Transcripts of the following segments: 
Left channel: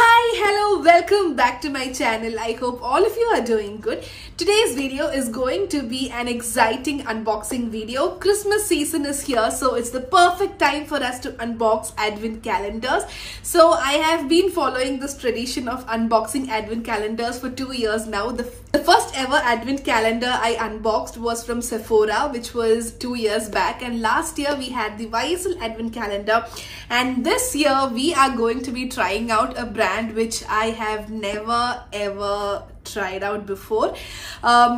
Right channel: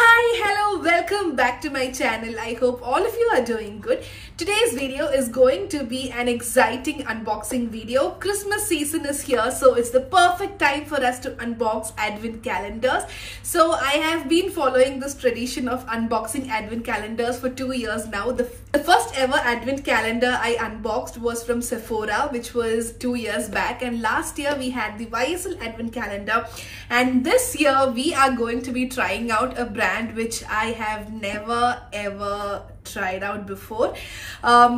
Hi, hello, welcome back to my channel. I hope all of you are doing good. Today's video is going to be an exciting unboxing video. Christmas season is here, so it's the perfect time for us to unbox advent calendars. So I have been following this tradition of unboxing advent calendars for 2 years now. The first ever advent calendar I unboxed was from Sephora, which was 2 years back, and last year we had the YSL advent calendar, and this year we are going to be trying out a brand which I have never ever tried out before.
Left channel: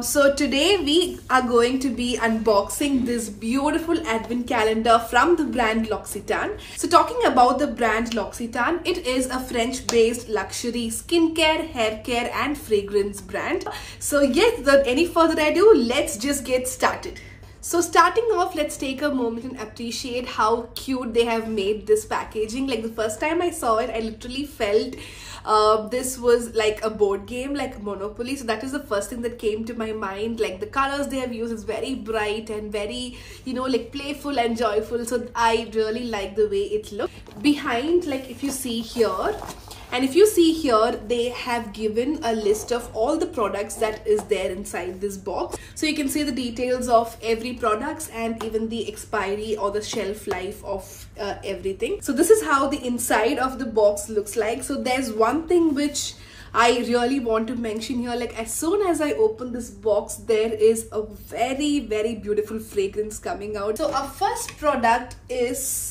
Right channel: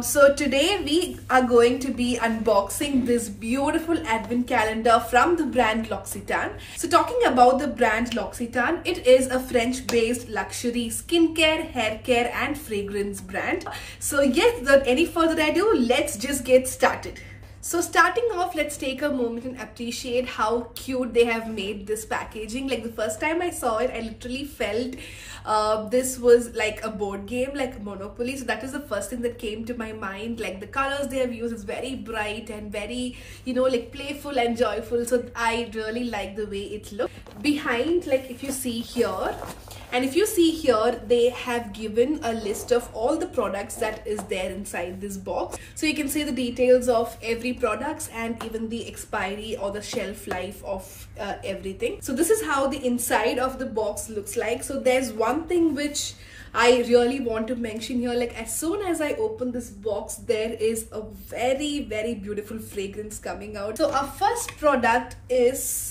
So today we are going to be unboxing this beautiful advent calendar from the brand L'Occitane. So talking about the brand L'Occitane, it is a French based luxury skincare, hair care and fragrance brand. So yes, without any further ado, let's just get started. So starting off, let's take a moment and appreciate how cute they have made this packaging. Like the first time I saw it, I literally felt this was like a board game, like Monopoly. So that is the first thing that came to my mind. Like the colors they have used is very bright and very, like playful and joyful. So I really like the way it looks. Behind, like if you see here, and if you see here, they have given a list of all the products that is there inside this box. So you can see the details of every products and even the expiry or the shelf life of everything. So this is how the inside of the box looks like. So there's one thing which I really want to mention here. Like as soon as I open this box, there is a very, very beautiful fragrance coming out. So our first product is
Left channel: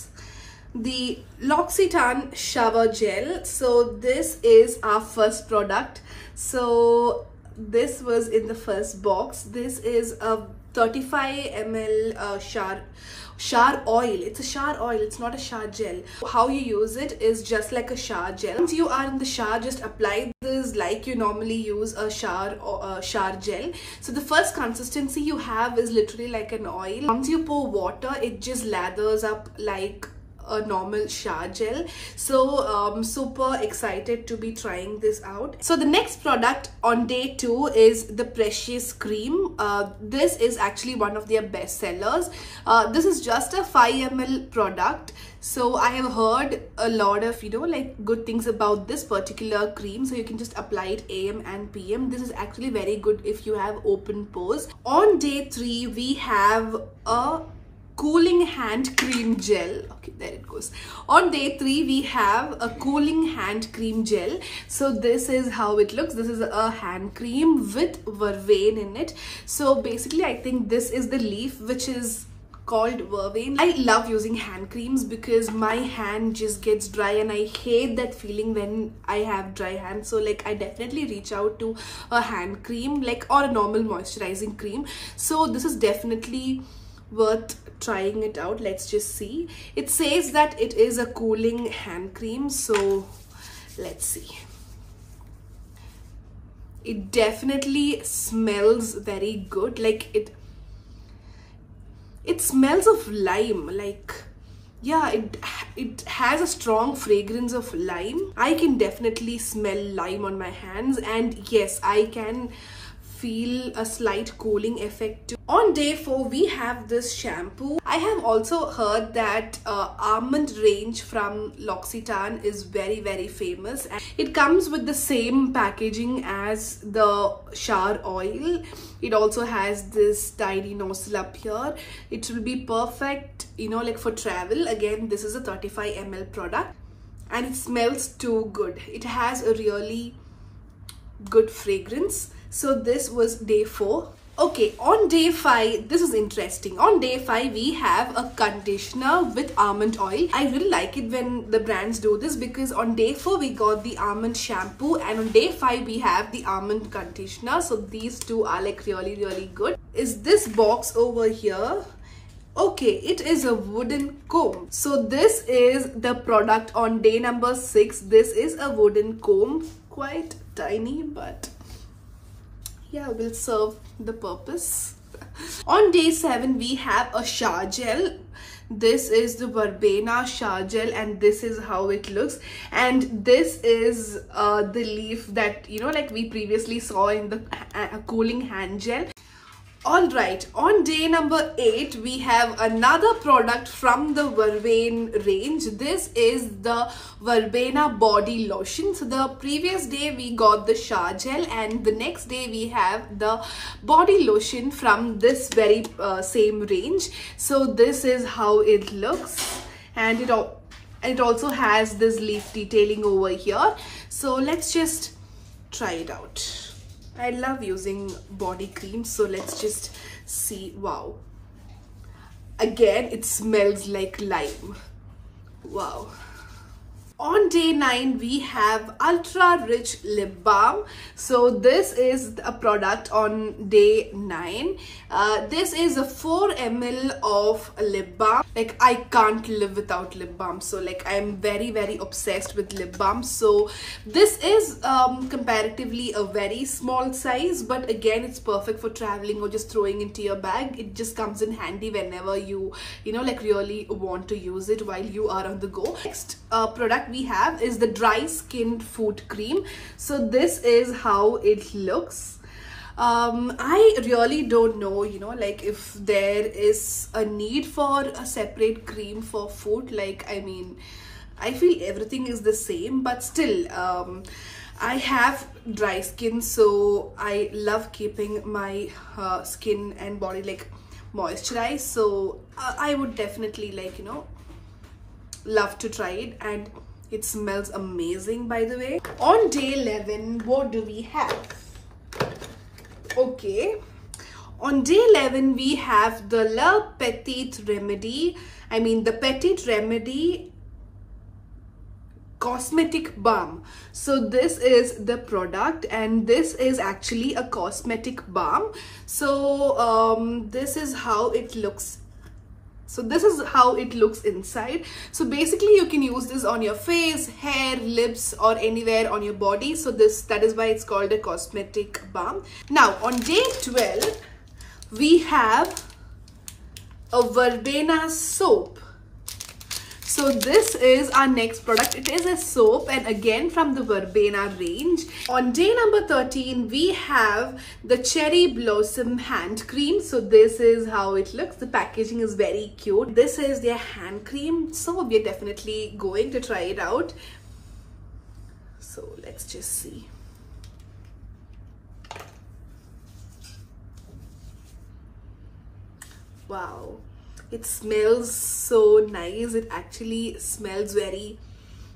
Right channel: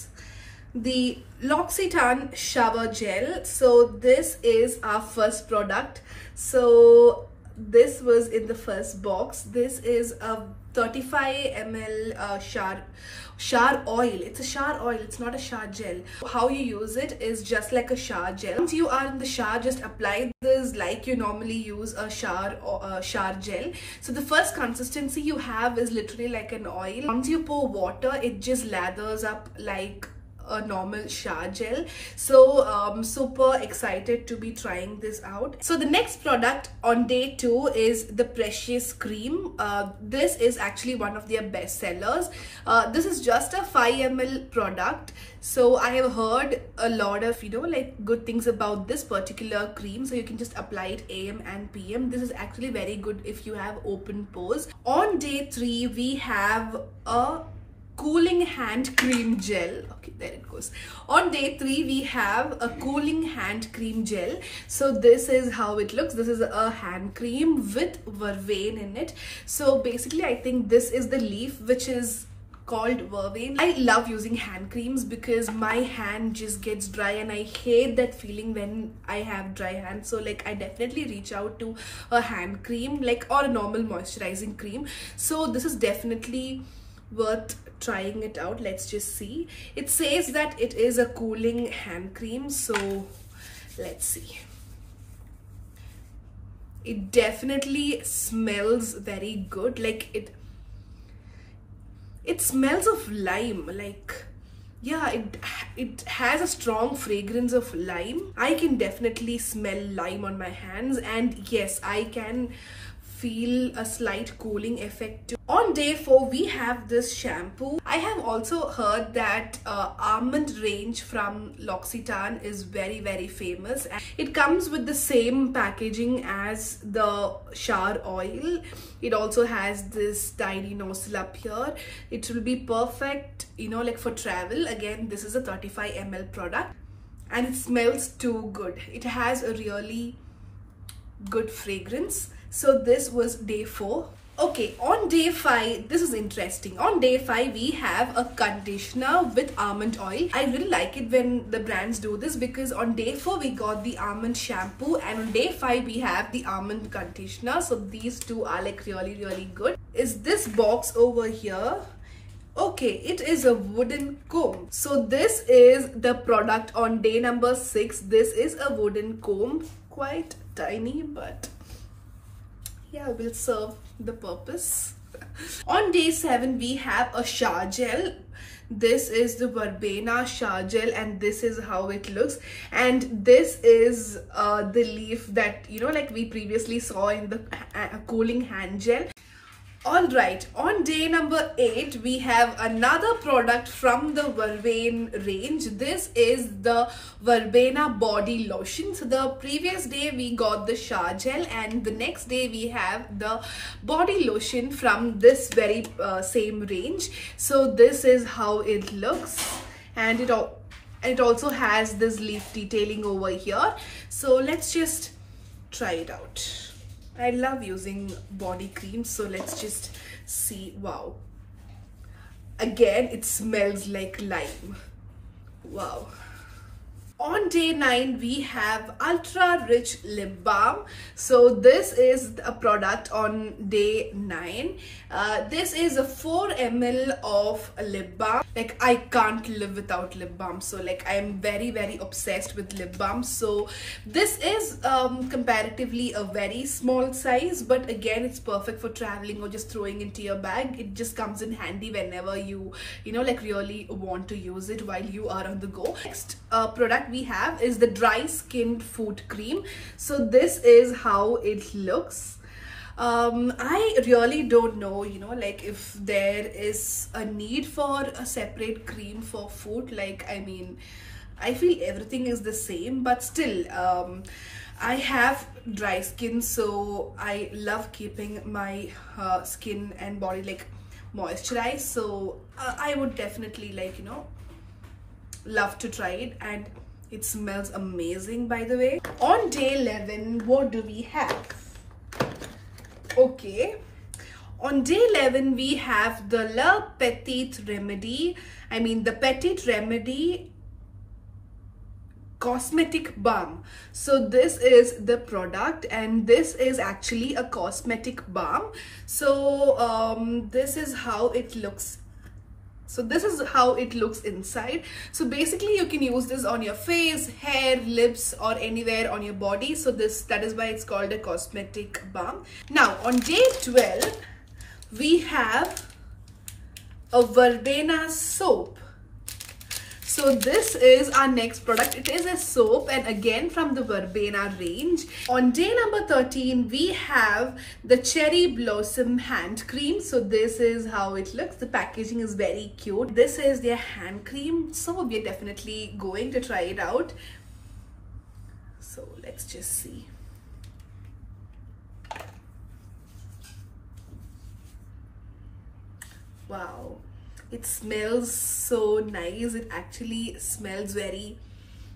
the L'Occitane shower gel. So this is our first product. So this was in the first box. This is a 35 ml shower oil. It's a shower oil, it's not a shower gel. How you use it is just like a shower gel. Once you are in the shower, just apply this like you normally use a shower gel. So the first consistency you have is literally like an oil. Once you pour water, it just lathers up like a normal shower gel. So super excited to be trying this out. So the next product on day 2 is the Precious Cream. This is actually one of their best sellers. This is just a 5 ml product. So I have heard a lot of like good things about this particular cream. So you can just apply it AM and PM. This is actually very good if you have open pores. On day 3 we have a cooling hand cream gel. Okay, there it goes. On day 3 we have a cooling hand cream gel. So this is how it looks. This is a hand cream with vervain in it. So basically I think this is the leaf which is called vervain. I love using hand creams because my hand just gets dry and I hate that feeling when I have dry hands. So like I definitely reach out to a hand cream or a normal moisturizing cream. So this is definitely worth trying it out. Let's just see. It says that it is a cooling hand cream, so let's see. It definitely smells very good. Like it smells of lime. Like yeah, it has a strong fragrance of lime. I can definitely smell lime on my hands, and yes, I can feel a slight cooling effect. On day 4 we have this shampoo. I have also heard that almond range from L'Occitane is very, very famous, and it comes with the same packaging as the shower oil. It also has this tiny nozzle up here. It will be perfect like for travel. Again, this is a 35 ml product and it smells too good. It has a really good fragrance. So this was day 4. Okay, on day 5, this is interesting. On day 5, we have a conditioner with almond oil. I really like it when the brands do this because on day 4, we got the almond shampoo, and on day 5, we have the almond conditioner. So these two are like really, really good. Is this box over here? Okay, it is a wooden comb. So this is the product on day number 6. This is a wooden comb, quite tiny, but yeah, will serve the purpose. On day 7 we have a shower gel. This is the verbena shower gel and this is how it looks, and this is the leaf that like we previously saw in the cooling hand gel. Alright, on day number 8, we have another product from the Verbena range. This is the Verbena body lotion. So the previous day we got the shower gel, and the next day we have the body lotion from this very same range. So this is how it looks, and it also has this leaf detailing over here. So let's just try it out. I love using body cream, so let's just see. Wow, again it smells like lime. Wow. On day 9, we have Ultra Rich Lip Balm. So this is a product on day 9. This is a 4 ml of lip balm. Like, I can't live without lip balm. So like, I'm very, very obsessed with lip balm. So this is comparatively a very small size, but again, it's perfect for traveling or just throwing into your bag. It just comes in handy whenever you like really want to use it while you are on the go. Next product we have is the dry skin foot cream. So this is how it looks. I really don't know, like if there is a need for a separate cream for foot. Like, I mean, I feel everything is the same, but still, I have dry skin, so I love keeping my skin and body like moisturized. So I would definitely love to try it, and it smells amazing, by the way. On day 11, what do we have? Okay, on day 11 we have the La Petite Remedy. The Petite Remedy cosmetic balm. So this is the product, and this is actually a cosmetic balm. So this is how it looks. So this is how it looks inside. So basically you can use this on your face, hair, lips, or anywhere on your body. So that is why it's called a cosmetic balm. Now on day 12, we have a Verbena soap. So this is our next product. It is a soap, and again from the Verbena range. On day number 13, we have the Cherry Blossom hand cream. So this is how it looks. The packaging is very cute. This is their hand cream. So we're definitely going to try it out. So let's just see. Wow. It smells so nice. It actually smells very,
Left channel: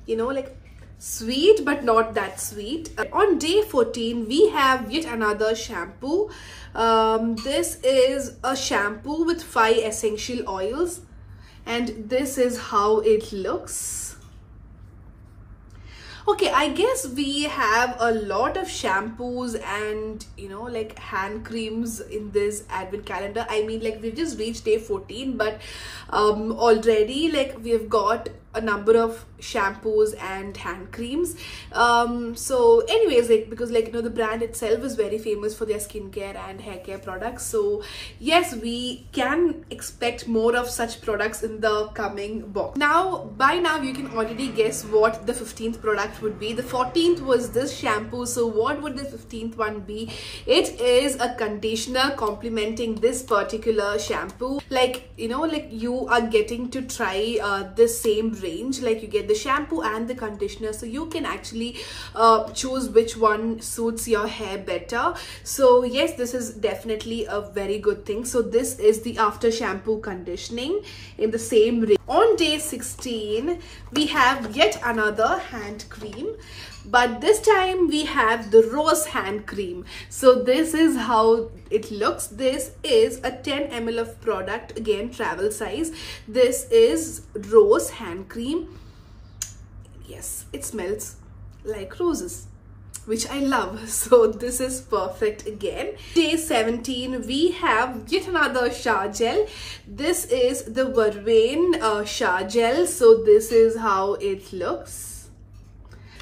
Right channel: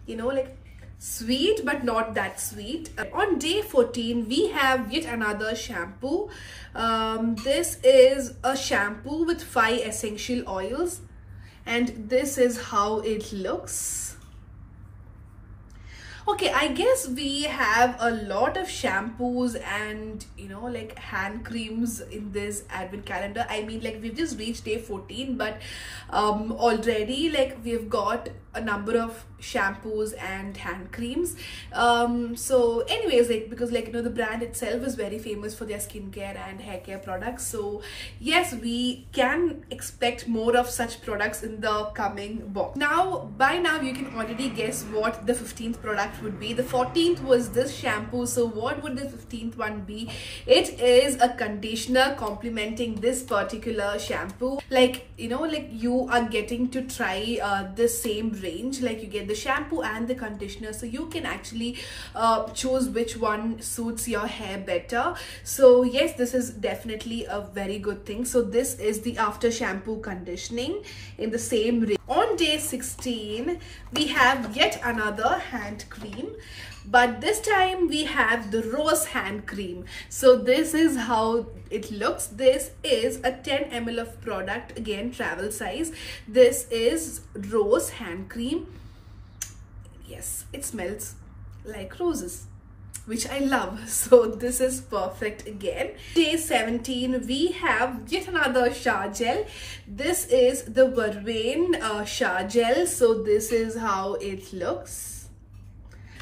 like sweet, but not that sweet. On day 14, we have yet another shampoo. This is a shampoo with 5 essential oils, and this is how it looks. Okay, I guess we have a lot of shampoos and like hand creams in this advent calendar. We've just reached day 14, but already we've got a number of shampoos and hand creams. So anyways, because the brand itself is very famous for their skincare and hair care products. So yes, we can expect more of such products in the coming box. By now you can already guess what the 15th product would be. The 14th was this shampoo. So what would the 15th one be? It is a conditioner complementing this particular shampoo. You are getting to try the same range. You get the shampoo and the conditioner, so you can actually choose which one suits your hair better. So yes, this is definitely a very good thing. So this is the after shampoo conditioning in the same range. On day 16, we have yet another hand cream, but this time we have the rose hand cream. So this is how it looks. This is a 10 ml of product, again travel size. This is rose hand cream. Yes, it smells like roses, which I love. So this is perfect again. Day 17, we have yet another shower gel. This is the Verbena shower gel. So this is how it looks.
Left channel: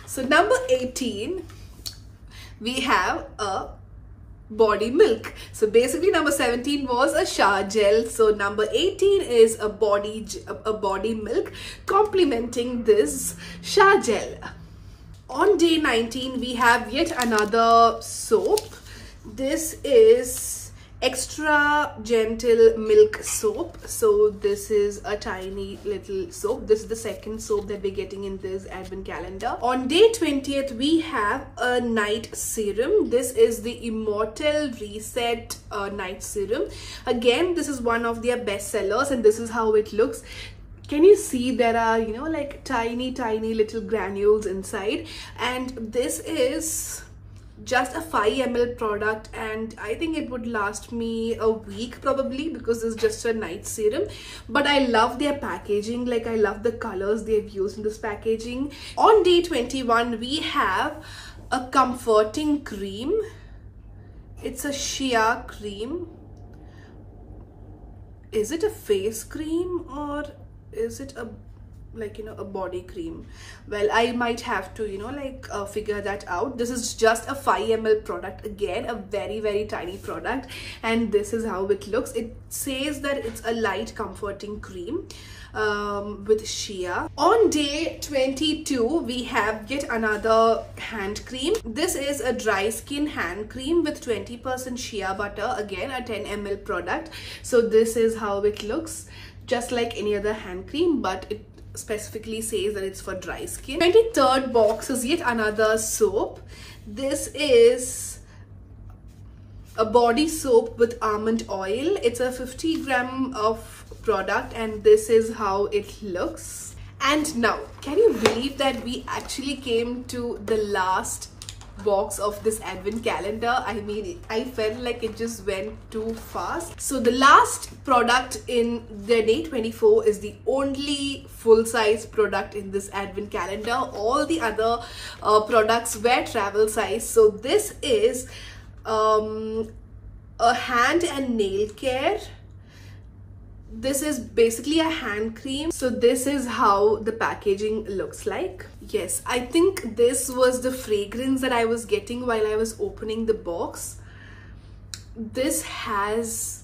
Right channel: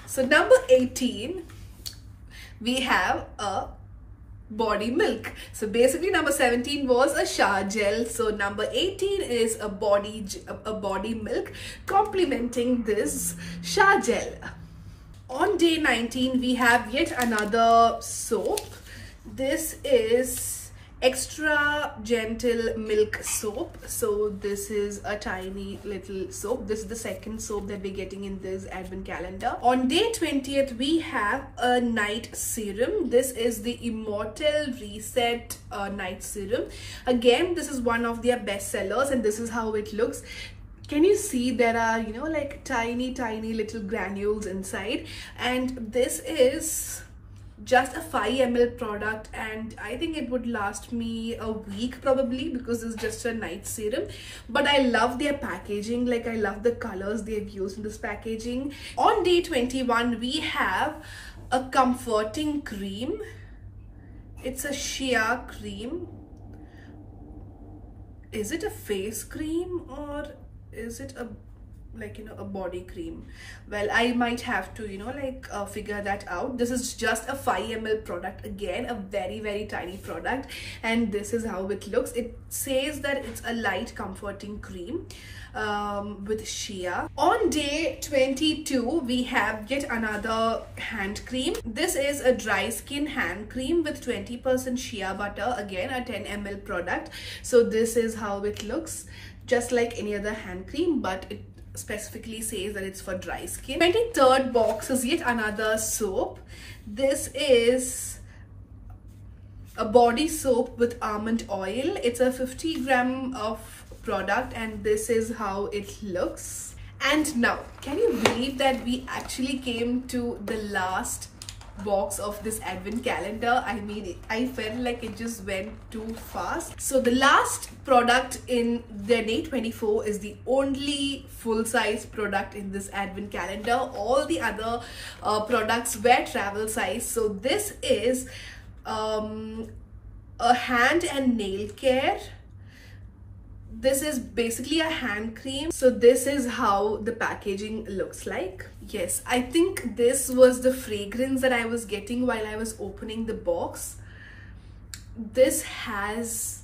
So number 18, we have a body milk. So basically number 17 was a shower gel. So number 18 is a body milk complementing this shower gel. On day 19, we have yet another soap. This is extra gentle milk soap. So this is a tiny little soap. This is the second soap that we're getting in this advent calendar. On day 20th, we have a night serum. This is the Immortal Reset night serum. Again, this is one of their best sellers, and this is how it looks. Can you see there are, you know, like tiny little granules inside, and this is just a 5 ml product, and I think it would last me a week probably, because it's just a night serum. But I love their packaging. Like, I love the colors they've used in this packaging. On day 21, we have a comforting cream. It's a shea cream. Is it a face cream or is it a, like, you know, a body cream? Well, I might have to, you know, like figure that out. This is just a 5 ml product. Again, a very tiny product, and this is how it looks. It says that it's a light comforting cream with shea. On day 22, we have yet another hand cream. This is a dry skin hand cream with 20% shea butter. Again, a 10 ml product. So this is how it looks, just like any other hand cream, but it specifically says that it's for dry skin. 23rd box is yet another soap. This is a body soap with almond oil. It's a 50 gram of product, and this is how it looks. And now, can you believe that we actually came to the last box of this advent calendar? I mean, I felt like it just went too fast. So the last product in the day 24 is the only full-size product in this advent calendar. All the other products were travel size. So this is a hand and nail care. This is basically a hand cream. So this is how the packaging looks like. Yes, I think this was the fragrance that I was getting while I was opening the box. This has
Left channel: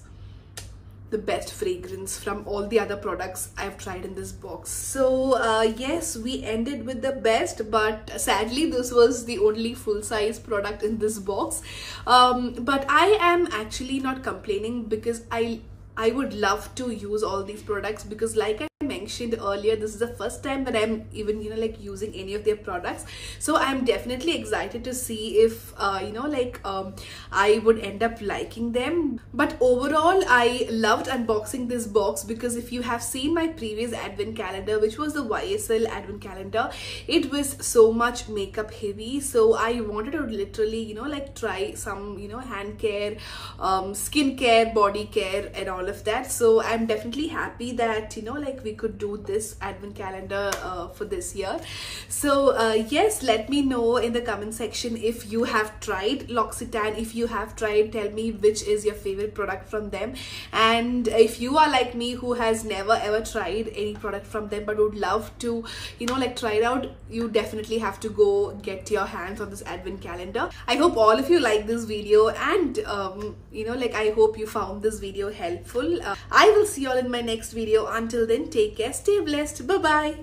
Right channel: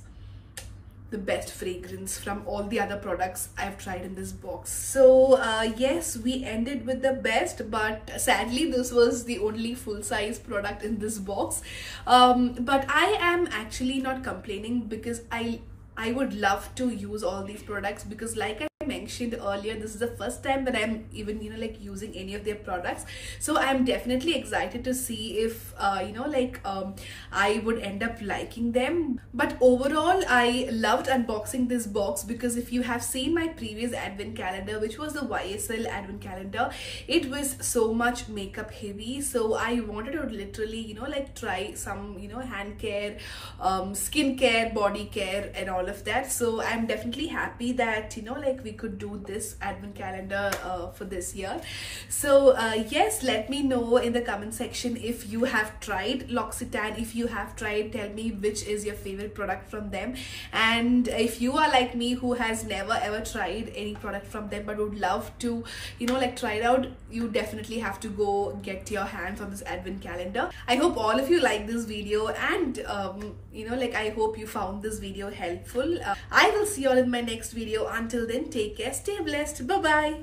the best fragrance from all the other products I've tried in this box. So yes, we ended with the best, but sadly this was the only full-size product in this box. But I am actually not complaining, because I would love to use all these products, because like I mentioned earlier, this is the first time that I'm even, you know, like using any of their products. So I'm definitely excited to see if you know, like I would end up liking them. But overall, I loved unboxing this box, because if you have seen my previous advent calendar, which was the YSL advent calendar, it was so much makeup heavy. So I wanted to literally, you know, like try some, you know, hand care, skin care, body care, and all of that. So I'm definitely happy that, you know, like we could do this advent calendar for this year. So yes, let me know in the comment section if you have tried L'Occitane. If you have tried, tell me which is your favorite product from them. And if you are like me, who has never ever tried any product from them but would love to, you know, like try it out, you definitely have to go get your hands on this advent calendar. I hope all of you like this video, and you know, like I hope you found this video helpful. I will see you all in my next video. Until then, take care, stay blessed, bye bye.